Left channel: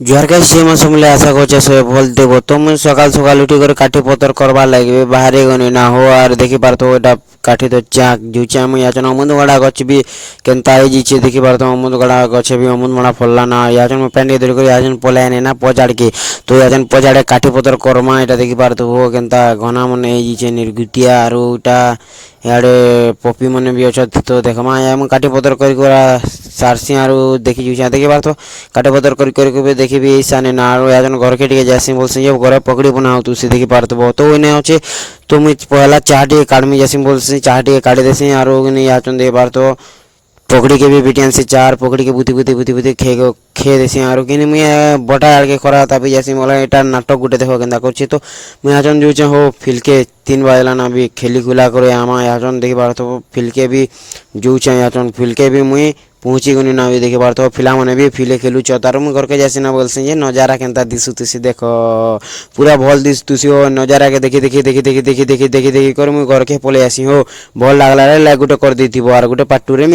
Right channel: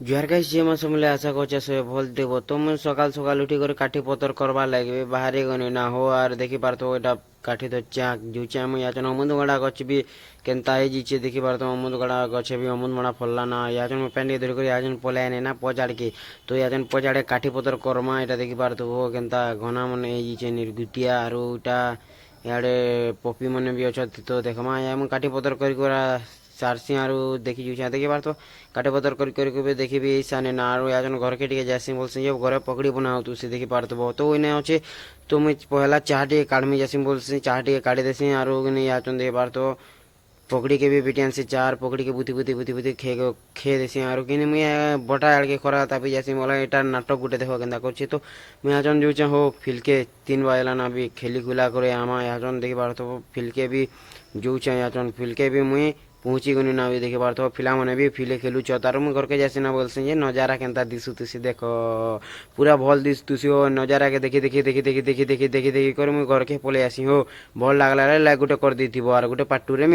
জুয়ার গাছ যে মাস মিলে আশা করছে সে ফল দেব। তুমি সকাল সকাল উঠি করে কাঠি পতর করবার লাগবে বাহারে গনি না হো আর দেখি পারতো ওটা কাঠি তো চাক জুচে আমি আচন অমুদ গড়া গছ বি কেনতা হয়ে যাচ্ছে দেখি পারতো অমুদ গড়া গছে বি অমুদ মড়া ফললা না আচন প্যান্ডি ধরে করে আচন পলাই নে না পচাড়কে তো আচন পচাড়ে কাঠি পতর করমা এটা দেখি পারতো ও কেনতা ঘনা মনে হয়ে যাচ্ছে নির্গুতিয়া আর ওটা ইয়াড়ে পপি মানে বি অছত তো দেখমা আমি কাঠি পতর করি করা সারসি আর দেখি জুচা দেখি পারতো কাঠি পতর করি করি করি দেখিবি সানে না আর এখন ঘরকে টিকে যাসি বলছি যে ঘরে পকড়ি বনাও তুই সে দেখি পারতো তো ওইনে হচ্ছে তুমি পহলা চাহ টিকে কাটমি যাসি বলছি চাহ টিকে কাটি দেছি আর ওখানে আচন দিয়ে পারতো पकड़ी के भी बिटियान से चार पकड़ी के बुती बुती बुती बुती खे देसी आरो कि मुझे बटा आड़ के खरा तापी जैसी मोला एटार नाटक गुटे देखो केंदा करछि तो मुझे आजन जो हो फिलके 3 बजला ना भी खेली खुला करे आमा आजन देखि बार तो फिलके भी जो चाहे आजन फिलके भी मुई पहुंची गनी ना भी देखि बार तो फिला माने भी फिले खेलु चतार मु घर के जैसी ना बोलसी जे नजारा केंता दिसु तुसी देखो पूरा भल दिस तुसी हो नजारा के देखि देखि देखि देखि देखि देखि देखि देखि कर मु घर के पले आसी हो भल लागला रे लाग गुटे कर देथिबो आर गुटे पाटू रे